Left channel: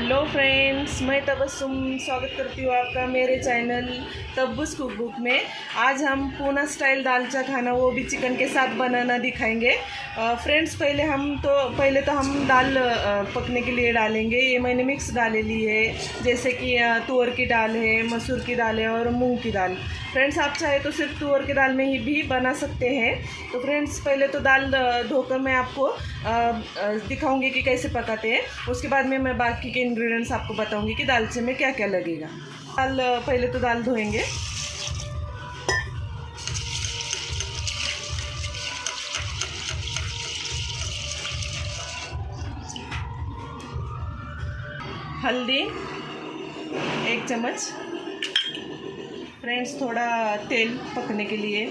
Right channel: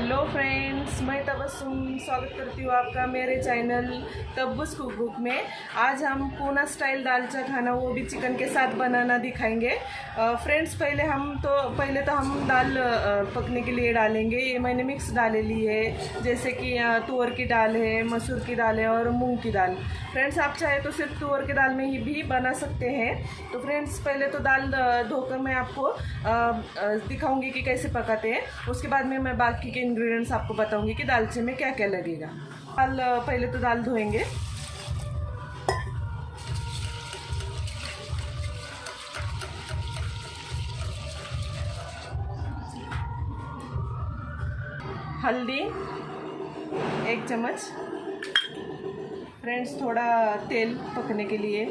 Hello friends, मैं तबस्सुम स्वागत करती हूँ आपका मेरे चैनल तब्बूस कुक बुक में। आज हम पूना स्टाइल दालचा खाना वो भी चिकन के साथ बनाना दिखाएंगे। फ्रेंड्स, पहले तो हम दाल पकने के लिए डालेंगे। ये मैंने मिक्स दालें ली है, जैसे कि तुअर की दाल है, मसूर की दाल है और मूंग की दाल। फ्रेंड्स, आप चाहे तो सिर्फ तुअर की दाल में ही भी बना सकते हैं। तो फ्रेंड्स, पहले तो दाल धोकर मैं आपको दिखाऊंगी कि कैसे पकाते हैं। उसके बाद में मैं बाकी के इंग्रेडिएंट्स आपको बताऊंगी कि दालचे में क्या क्या लगेगा। पहले तो दाल धोएंगे। हल्दी 1 चम्मच। फ्रेंड्स, थोड़ा तेल पकने के लिए,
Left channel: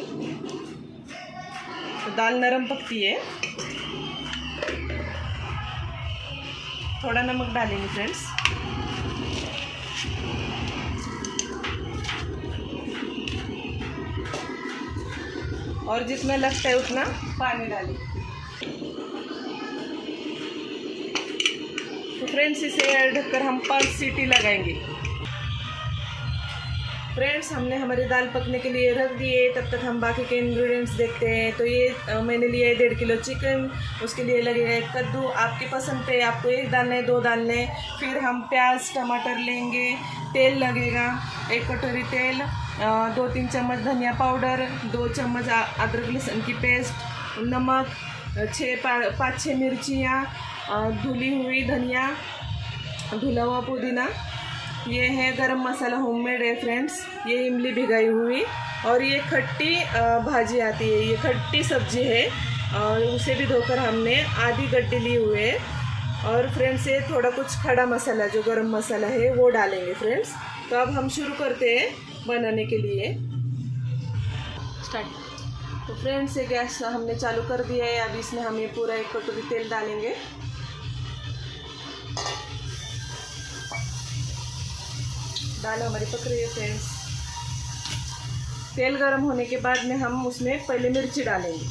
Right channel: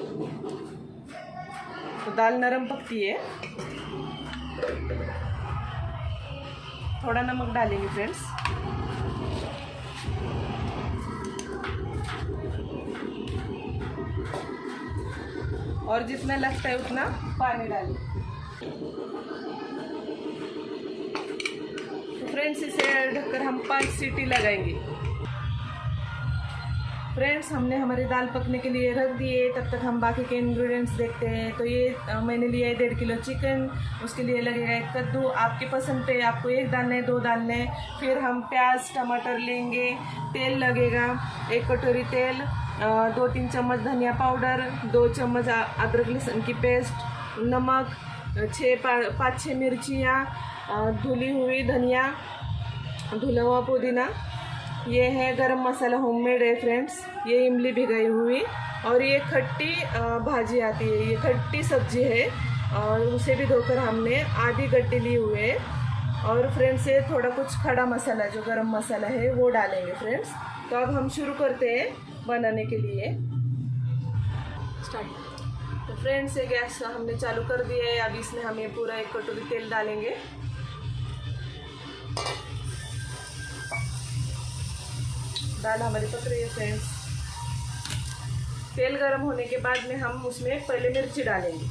तो दाल नरम पकती है। थोड़ा नमक डालेंगे फ्रेंड्स। और जितना लगता है उतना पानी डालें। तो फ्रेंड्स, इसे ढककर हम 5 सीटी लगाएंगे। फ्रेंड्स, हमने हमारी दाल पकने के लिए रख दिए। तब तक हम बाकी के इंग्रेडिएंट्स देखते हैं। तो ये मैंने लिया है 1.5 किलो चिकन। उसके लिए लगेगा 1 कद्दू। आपके पसंद पे आपको 1 डालना है, 2 डालना है। फिर हम प्याज टमाटर लेंगे। तेल लगेगा 1 कटोरी तेल, 2-3 चम्मच धनिया पाउडर, 2 चम्मच अदरक लहसुन की पेस्ट, नमक, 5-6 मिर्चियाँ, धुली हुई धनिया, धुला हुआ पुदीना। ये है गरम मसाला होममेड है फ्रेंड्स। ये इमली भिगाई हुई, और ये खट्टी भाजी आती है, ये खट्टी सब्जी है। उसे भी धोकर हमने आधी गड्डी ली हुई है। और फ्रेंड्स, ये थोड़ा कुछ खड़ा मसाला जो गरम मसाला है वो डालेंगे फ्रेंड्स। तो अब हम शुरू करते हैं बनाने के लिए। स्टार्ट। तो फ्रेंड्स, ये गैस हमने चालू कर दिया है। अब इसमें हम ये पूरा 1 कटोरी तेल डालेंगे। दाल हमारी पक रही है फ्रेंड्स। तेल गर्म होने के बाद में हम उसमें पहले मिर्ची डालेंगे।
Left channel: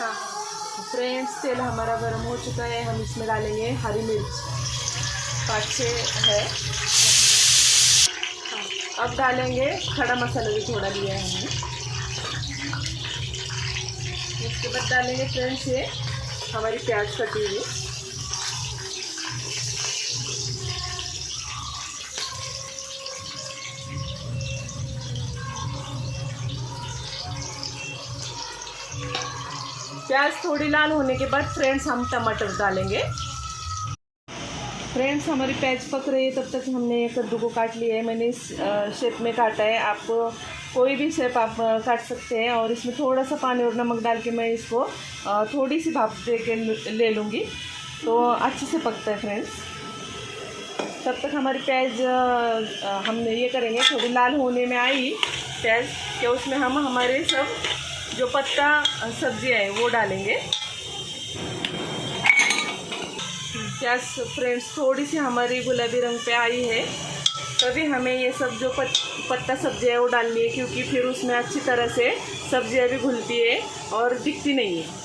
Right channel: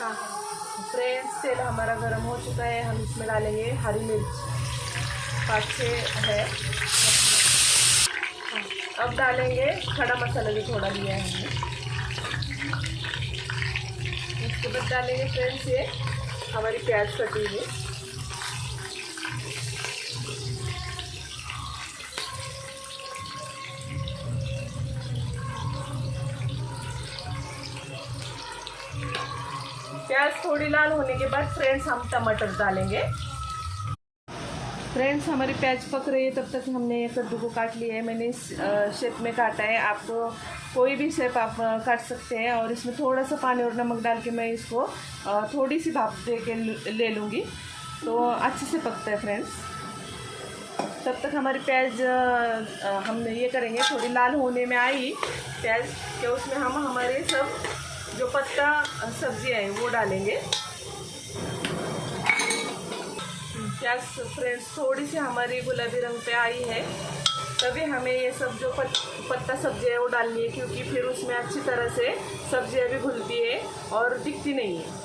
हाँ फ्रेंड्स, तेल हमारा गर्म हो चुका है। हम इसमें डालेंगे हरी मिर्च, 5-6 है। अब डालेंगे खड़ा मसाला भी थोड़ा लिया है हमने। इसके बाद डालेंगे फ्रेंड्स ये हमारी प्याज कटी हुई। प्याज थोड़ी लाल होने के बाद फ्रेंड्स हम टमाटर डालेंगे। फ्रेंड्स, हमारी प्याज पक रही है। तब तक हमने कद्दू को काट लिया है। मैंने इस शेप में काटा है। आप कोई भी शेप आप काट सकते हैं। और इसमें थोड़ा सा पानी और नमक डाल के मैं इसको थोड़ी सी भाप दे के ले लूँगी, तो अच्छे से पकता है फ्रेंड्स। तब तक हमारी प्याज हम ये करेंगे, थोड़ी लाल होने में आई प्याज कि उसमें हम हमारे सब जो पत्ता सब्जियाँ हैं वो डालेंगे। प्याज फ्रेंड्स थोड़ी सी हमारी गुलाबी रंग पे आई है, तभी हमें ये सब जो पत्ता सब्जियाँ है वो डालनी है, क्योंकि फिर उसमें अच्छी तरह से सब्जियाँ भी घुलती है और दिखती नहीं है।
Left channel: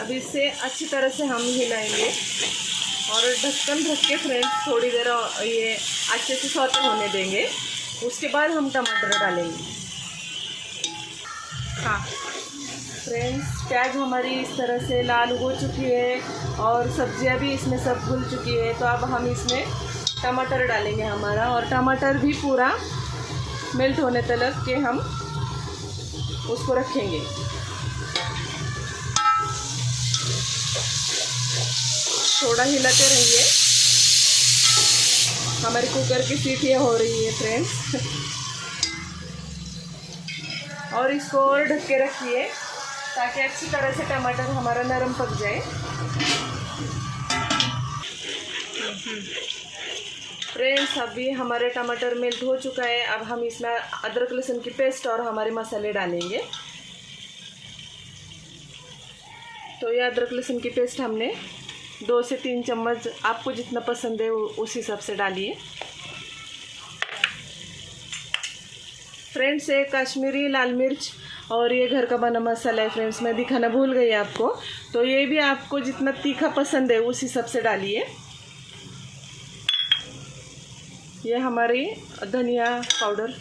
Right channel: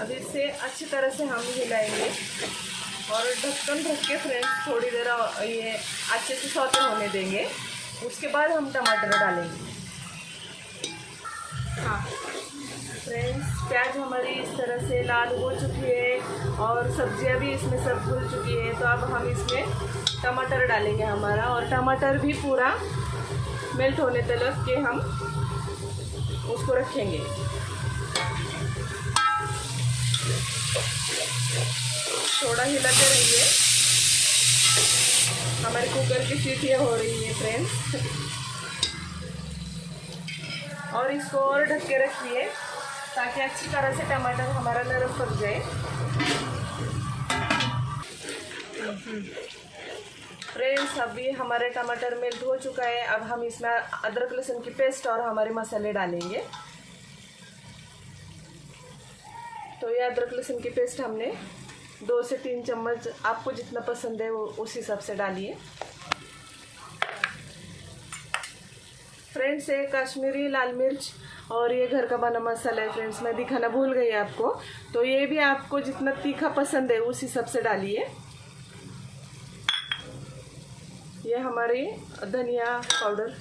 अब इसे अच्छी तरह से हम हिलाएंगे और ढक्कन ढक के फ्रेंड्स थोड़ी देर ये अच्छे से सौते होने देंगे। उसके बाद हम टमाटर डालेंगे। हाँ फ्रेंड्स, प्याज हमारी इस तरह से लाल हो चुकी है और सब्जियां भी इसमें सब घुल चुकी है। तो अब हम इसमें टमाटर डालेंगे हमारा, और टमाटर भी पूरा मेल्ट होने तक के हम उसको रखेंगे। थोड़ा हिलाते रहिए। हमारी कुकर की सीटियाँ हो रही है फ्रेंड्स। और इसको और ढक के रखिए ताकि अच्छी तरह से टमाटर हमारा नरम पक जाए। फ्रेंड्स, अभी हमारा टमाटर मेल्ट हो चुका है। अब हम इसमें अदरक लहसुन की पेस्ट और हमारे मसाले डालेंगे। तो ये अदरक लहसुन की पेस्ट हमने 2 से 3 चम्मच आपको जितना पसंद है उस हिसाब से डालिए। फ्रेंड्स, ये कश्मीरी लाल मिर्च और ये घर का बना मसाला है फ्रेंड्स, मैं दिखाना भूल गई आपको। तो ये भी आपको जितना तीखा पसंद है उस हिसाब से डालिए। ये हमारी धनिया पाउडर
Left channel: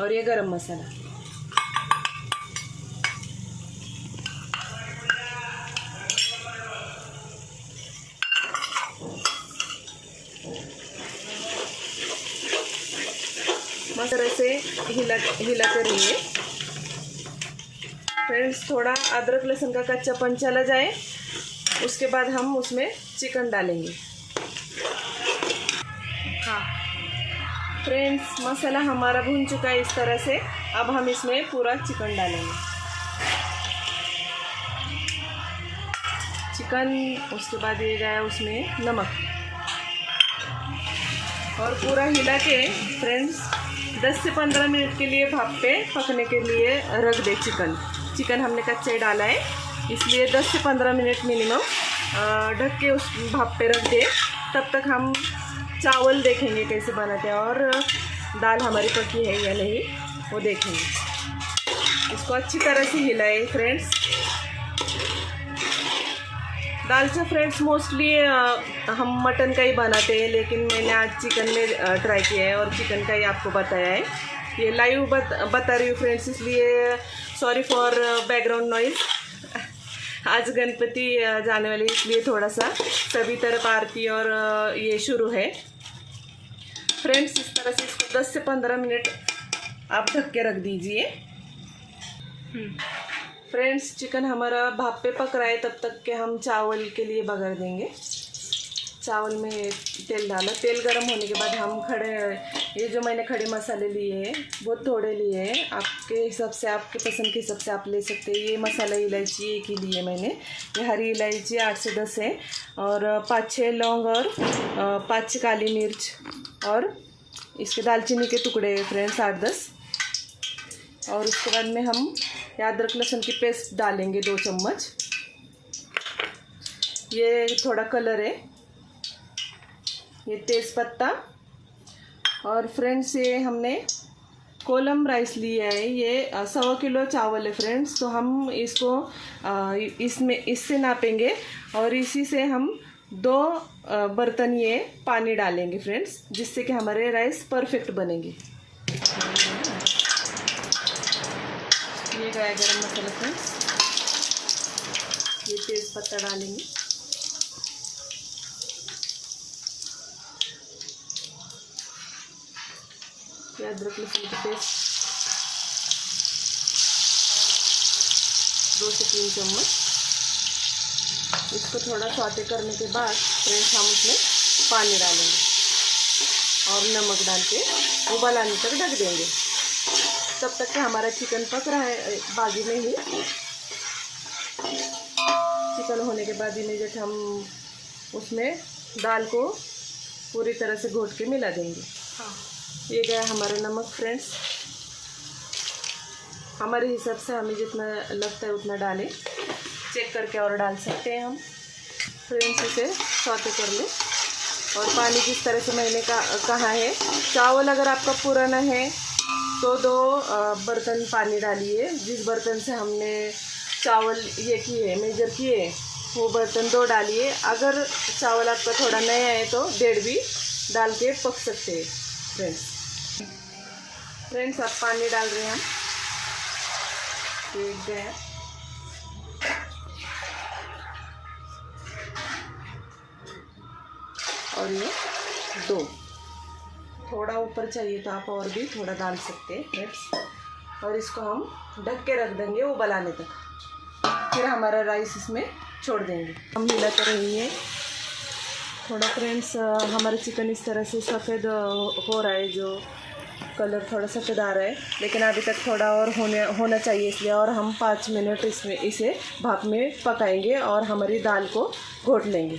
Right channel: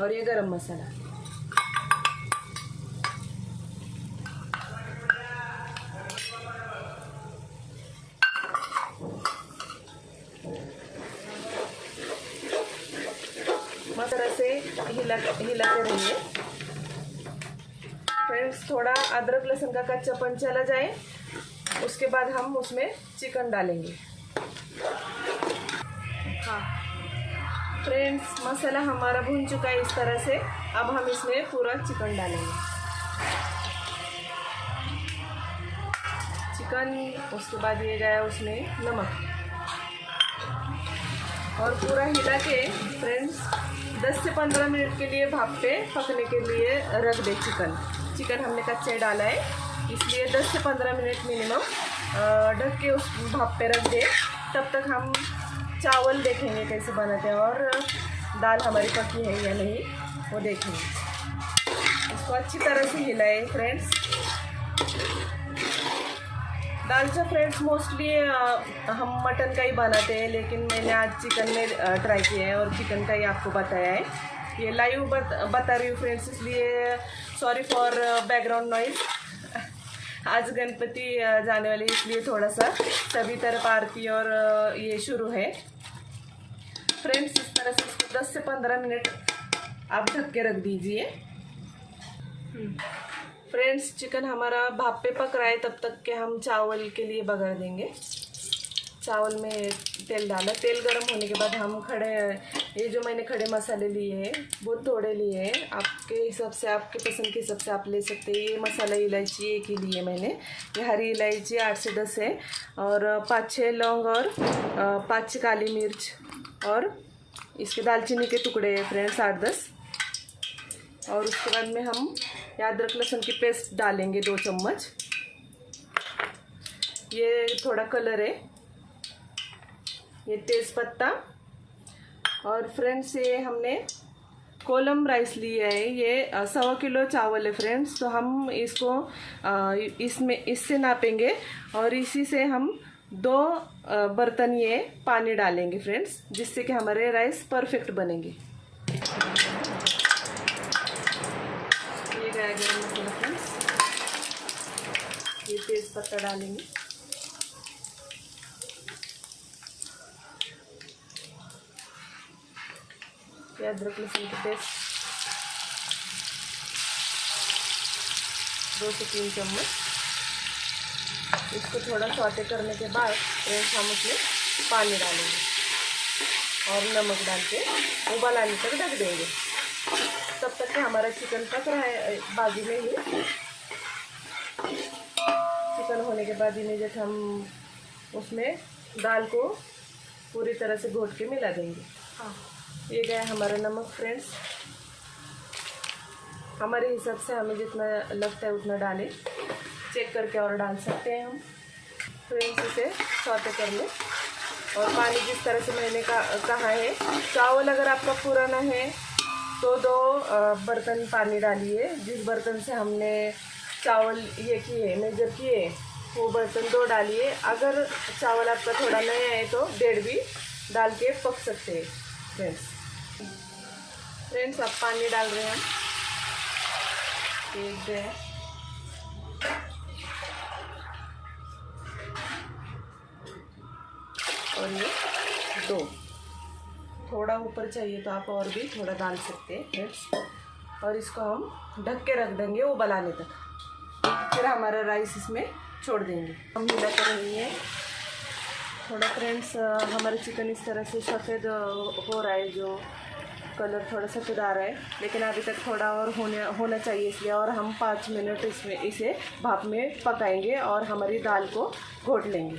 और ये गरम मसाला। इस तरह से हिलाते रहिए फ्रेंड्स। थोड़ा अदरक लहसुन का कच्चापन चला जाए, उसके बाद हम उसमें चिकन डालेंगे। हाँ फ्रेंड्स, मसाला हमारा भून चुका है इस तरह से। अब हम इसमें पूरा चिकन डालेंगे। चिकन, उसके बाद ये जाए उसमें नमक और पूरा हिला के फ्रेंड्स 10 से 15 मिनट के लिए भाप पे पकने के लिए रख दे। चिकन हमने कच्चे डाला है, इसलिए 10 से 15 मिनट मिनिमम ढक के उस भाप पे रख दे। तब तक हम चावल देखेंगे कैसे बनाते हैं और दाल हमारी पकी है या नहीं वो देखेंगे। इसको अच्छी तरह से हिलाए फ्रेंड्स। दालचा फ्रेंड्स मोस्टली हम मटन का ही बनाते हैं, लेकिन मैंने आज चिकन में ट्राई किया है और चिकन का ही आपको बताया है। ये लाइव बता रही हूँ फ्रेंड्स, इसलिए सॉरी फॉर बैकग्राउंड नॉइज़। आज गणपति जाने वाले, इसलिए थोड़ा सा सभी तरफ आरती और ये शुरू है फ्रेंड्स। इस तरह से इसको 10 से 15 मिनट आप ढक के रख दीजिए। फ्रेंड्स, चिकन हमारा भाप पे पक रहा है, तब तक के हम चावल के लिए बघार देंगे। चावल में तेल डाला, तेल गर्म होने के बाद हम ये जो मैंने खड़े मसाले लिए हैं बहुत थोड़े लिए हैं, आपके हिसाब से आपके पसंद के हिसाब से आप ले सकते हैं। ये मसाला इलायची एक ही लिए मैंने, ये हरी इलायची 8 से 10 है और 5-6 लौंग और 5 काली मिर्च और इसके दालचीनी के टुकड़े हैं फ्रेंड्स 8-10। और उसके बाद में हम अदरक लहसुन की पेस्ट डालेंगे 2 चम्मच। ये थोड़ा कलर है, ये तेज़पत्ता। और फ्रेंड्स, ये हमने कोलम राइस लिया है, ये 100 किलो चावल है फ्रेंड्स। तो हम इसको इससे नापेंगे और इसी से हम 2 बर्तन ये पानी डालेंगे फ्रेंड्स, जिससे कि हमारे राइस परफेक्ट बनेंगे। ये गया गरम मसाला फ्रेंड्स, ये तेज़पत्ता डालेंगे। ये अदरक लहसुन की पेस्ट 2 से 3 चम्मच। इसको थोड़ा सौटे करने के बाद फ्रेंड्स हम उसमें पानी डालेंगे और नमक डाल के उबाल आने तक ढक देंगे। तब तक कि हमारा चिकन पक रहा है बाजू में ही। चिकन होने के बाद इमीडिएट हम उसमें दाल को पूरी तरह से घोट के मिला देंगे। हाँ, ये गया हमारा नमक फ्रेंड्स। हमारे हिसाब से हमें जितना लगता है उतना डालें, चेक करके और डाल सकते हैं हम फ्रेंड्स। इसे सौटे कर लें और पानी जिस तरह से मैंने कहा है, चावल अगर आपका पुराना है तो 2 बर्तन पानी डालिए। जिस बर्तन से हमने चावल ये किए मेजर किए वो बर्तन 2 डालिए। अगर चावल आपका थोड़ा नया है तो 1.5 भी डाल के पक सकते हैं फ्रेंड्स। अब पानी डाल रहे हैं, एक गया और ये 2। थोड़ा ऊपर चाहिए तो आप और भी थोड़ा डाल सकते हैं फ्रेंड्स। और इसको हम ढक के रख देंगे उबलाने तक, फिर हमारा राइस इसमें छोड़ देंगे। हम हिलाते रहेंगे थोड़ा फ्रेंड्स। हमारा चिकन इस तरह से सफ़ेद हो रहा है, जो कलर थोड़ा सफ़ेद आ रहा है, लेकिन अभी तक थोड़ा और होना चाहिए, इसलिए और हम 5 मिनट इसे भाप में पकाएंगे और हमारी दाल को घोट लेंगे।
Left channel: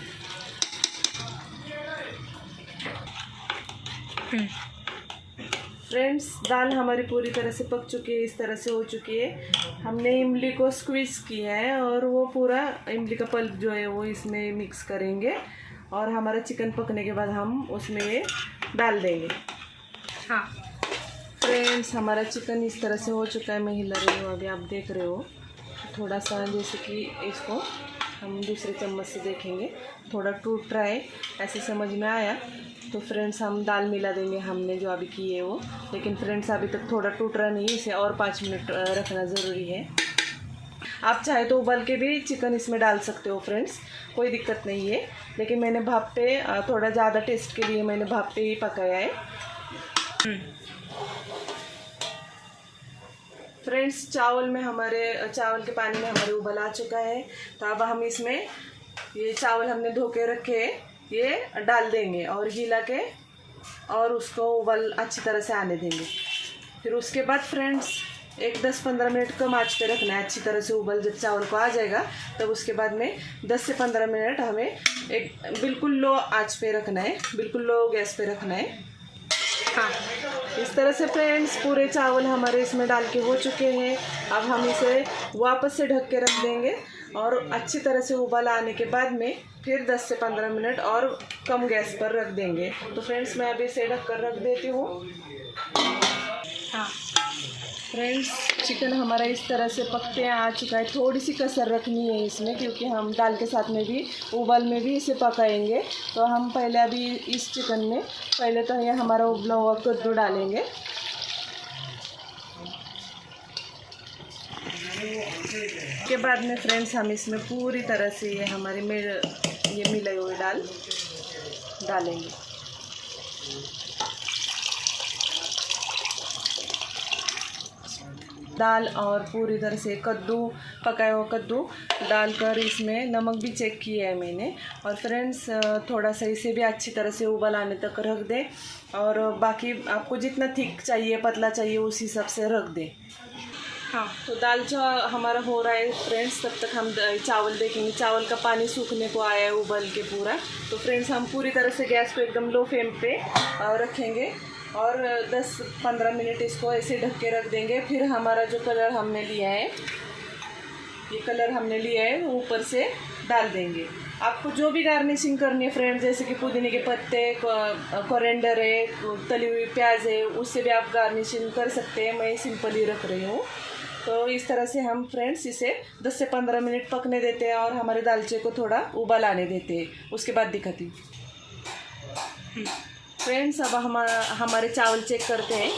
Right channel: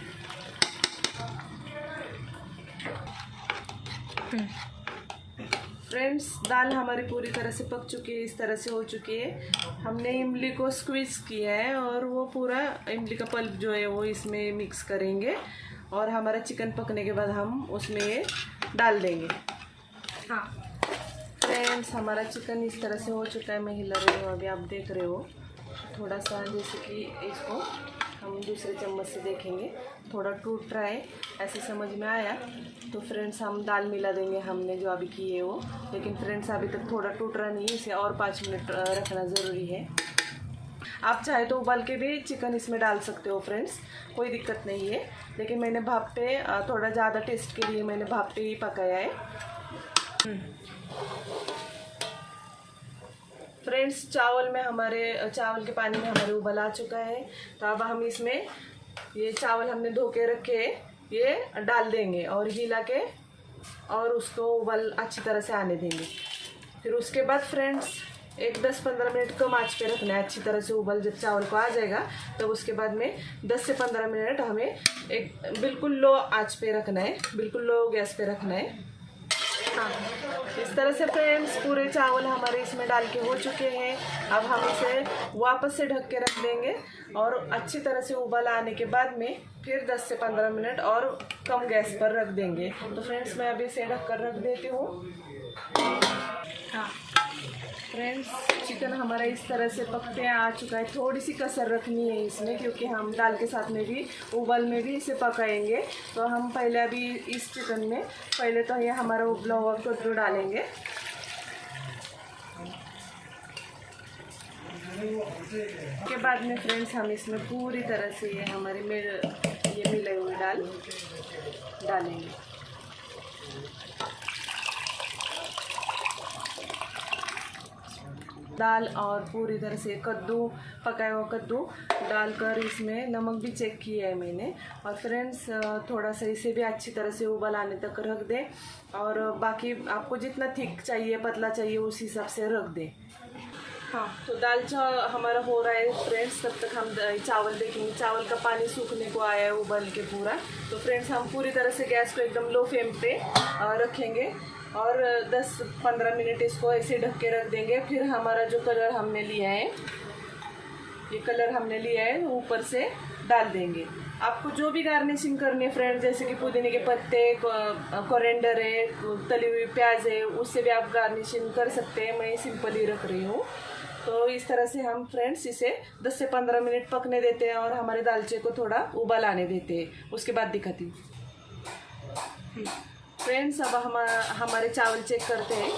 फ्रेंड्स दाल हमारी पूरी तरह से पक चुकी है, इस तरह से हो चुकी है। हमने इमली को स्क्वीज़ किया है और वो पूरा इमली का पल्प जो है वो इसमें मिक्स करेंगे और हमारा चिकन पकने के बाद हम उसमें ये डाल देंगे। हाँ फ्रेंड्स हमारा चिकन इस तरह से हो चुका है, मैं हिला रही हूँ, अभी आप देख रहे हो। थोड़ा सा जैसे कि इसको हम दूसरे चम्मच से देखेंगे, थोड़ा टूट रहा है, ऐसे समझ में आया तो फ्रेंड्स हम दाल मिला देंगे हमने जो अभी की है वो। लेकिन फ्रेंड्स अभी तक थोड़ा टूट रहा नहीं है, इसे और 5 मिनट रखना ज़रूरी है। आप चाहे तो उबाल के भी चिकन इसमें डाल सकते हो फ्रेंड्स, कोई दिक्कत नहीं है। लेकिन मैंने भाप पे थोड़ा ज़्यादा टेस्ट के लिए मैंने भाप पे ही पकाया है। फ्रेंड्स चावल के पानी में हमारे उबल आ चुका है, तो अब हम इसमें ये चावल हमने धो के रखे ये डाल देंगे और हिला के और उसको उबल अच्छी तरह से आने देंगे। फिर उसके बाद फ्रेंड्स एक 10-15 मिनट कम आंच पे रखना है, अच्छी तरह से उबल जब चावल को आ जाएगा तब उसके बाद में 10 से 15 मिनट हमें एक बिल्कुल लो आंच पे रखना है, बिल्कुल लो गैस पे रखना है। हाँ इस तरह से फ्रेंड्स पूरे चावल हमारे इसमें डाल के हो चुके हैं। अब हम इसे वापस से ढक के रख देंगे और अच्छी तरह से उबाल आने के बाद में फिर 10 से 15 मिनट और कम गैस पर रख देंगे। तो फ्रेंड्स मैं अभी इसे ढक कर रख देती हूँ। हाँ फ्रेंड्स चिकन हमारा इस तरह से पकते आ चुका है, थोड़ी सी कसर रखनी है इसमें क्योंकि हम दाल के साथ में भी उबाल में भी इसे पकाएंगे। तो हम पहले अभी इस चिकन में पहले तो ये हमारा उबला हुआ कद्दू डालेंगे। के बाद में फ्रेंड्स हम इसमें पूरी तरह से ये हमारे ये मिले हुए डालेंगे। दाल और पूरी तरह से पकाया हुआ कद्दू डालकर इसमें नमक भी चेक किया है मैंने। और फ्रेंड्स थोड़ा सा इसे भी अच्छी तरह से उबाल आने तक रख दें और बाकी आपको जितना थिक चाहिए पतला चाहिए उस हिसाब से रख दें। हाँ तो दाल जो हमारा हो रहा है फ्रेंड्स तब तक हम चावल देखेंगे। चावल का पानी सूखने को आया है उबल के पूरा। तो फ्रेंड्स हम पूरी तरह से गैस को एकदम लो फ्लेम पे रखेंगे और 10-15 मिनट इसको ऐसे ढक के रख देंगे। फिर हमारा जो कलर हमने लिया है ये कलर हमने लिया है ऊपर से डाल देंगे। आपको जो भी गार्निशिंग करनी है फ्रेंड्स, जैसे कि पुदीने के पत्ते, कोरिएंडर है, तली हुई प्याज है, उससे भी आप गार्निशिंग कर सकते हैं। मैं सिंपल ही रख रही हूँ। तो इस तरह से हम फ्रेंड्स इसे 10 से 15 मिनट पकने देते हैं और हमारे दालचे को थोड़ा उबाल आने देते हैं। उसके बाद दिखाती हूँ फ्रेंड्स। अब हमारे चावल चेक करते हैं।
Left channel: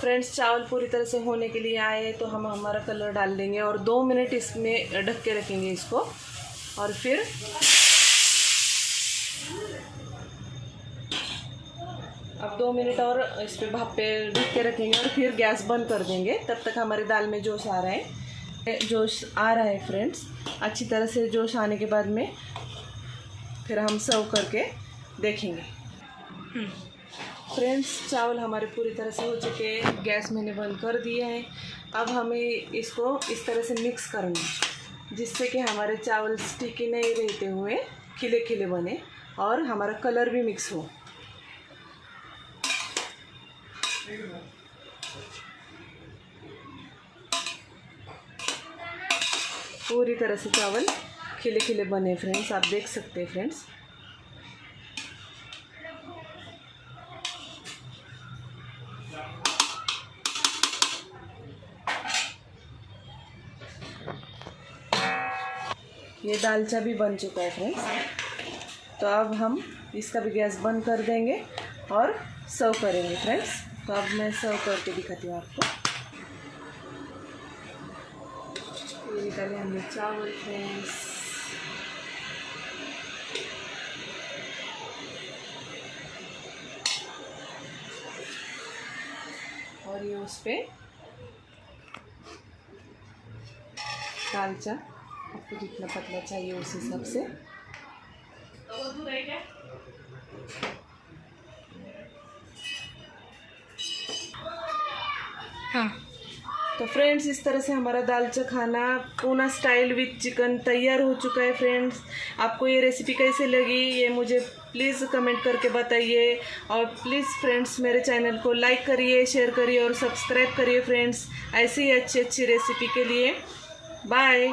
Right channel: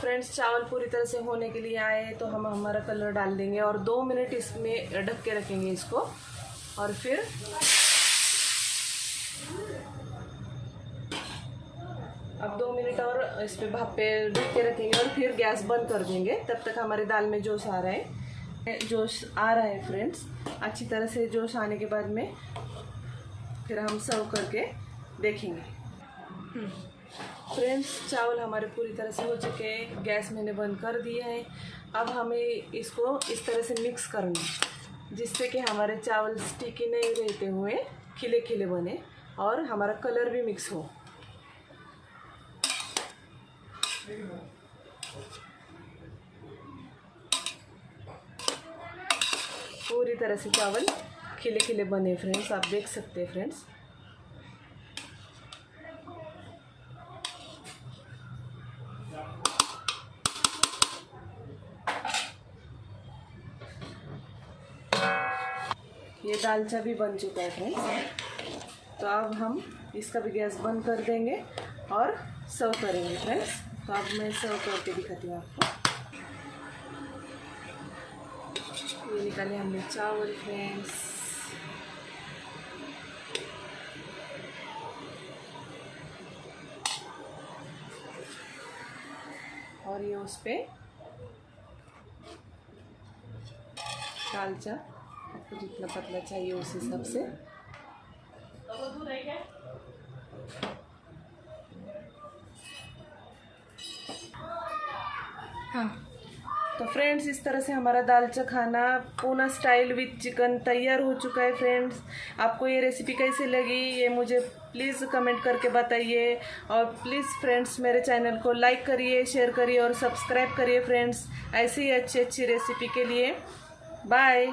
फ्रेंड्स चावल पूरी तरह से होने के लिए आए तो हम हमारा कलर डाल देंगे और 2 मिनट इसमें ढक के रखेंगे इसको। और फिर अब 2 मिनट और इस पर भाप पे ढक के रखेंगे और फिर गैस बंद कर देंगे। तब तक हमारी दाल में जोश आ रहा है फ्रेंड्स। अच्छी तरह से जोश आने के बाद में फिर हम सर्व करके देखेंगे। फ्रेंड्स चावल हमारे पूरी तरह से हो चुके हैं, गैस मैंने बंद कर दिया है। अब हमें इसको इस तरह से मिक्स करना है जिससे कि हमारे चावल स्टिकी नहीं रहते हुए खिले खिले बने और हमारा कलर भी मिक्स हो। पूरी तरह से चावल खिले खिले बने फ्रेंड्स, आप देख सकते हैं फ्रेंड्स। ये दालचा भी बन चुका है फ्रेंड्स। तो अब हम इसका भी गैस बंद कर देंगे और सर्व करेंगे फ्रेंड्स। तो अब मैं सर्व करके दिखाती हूँ आपको। ये निकाले हमने चावल फ्रेंड्स। और ये उस पे दालचा आपको जितना पतला चाहिए उस हिसाब से। हाँ तो फ्रेंड्स इस तरह से हमारा दालचा खाना पूना स्टाइल विथ चिकन तैयार हो चुका है। फ्रेंड्स आपको ये रेसिपी कैसे लगी ये मुझे प्लीज़ कमेंट करके बताइए, और प्लीज़ फ्रेंड्स मेरे चैनल को लाइक करिए, शेयर करिए और सब्सक्राइब करिए फ्रेंड्स, ऐसी ही अच्छी अच्छी रेसिपी के लिए। बाय।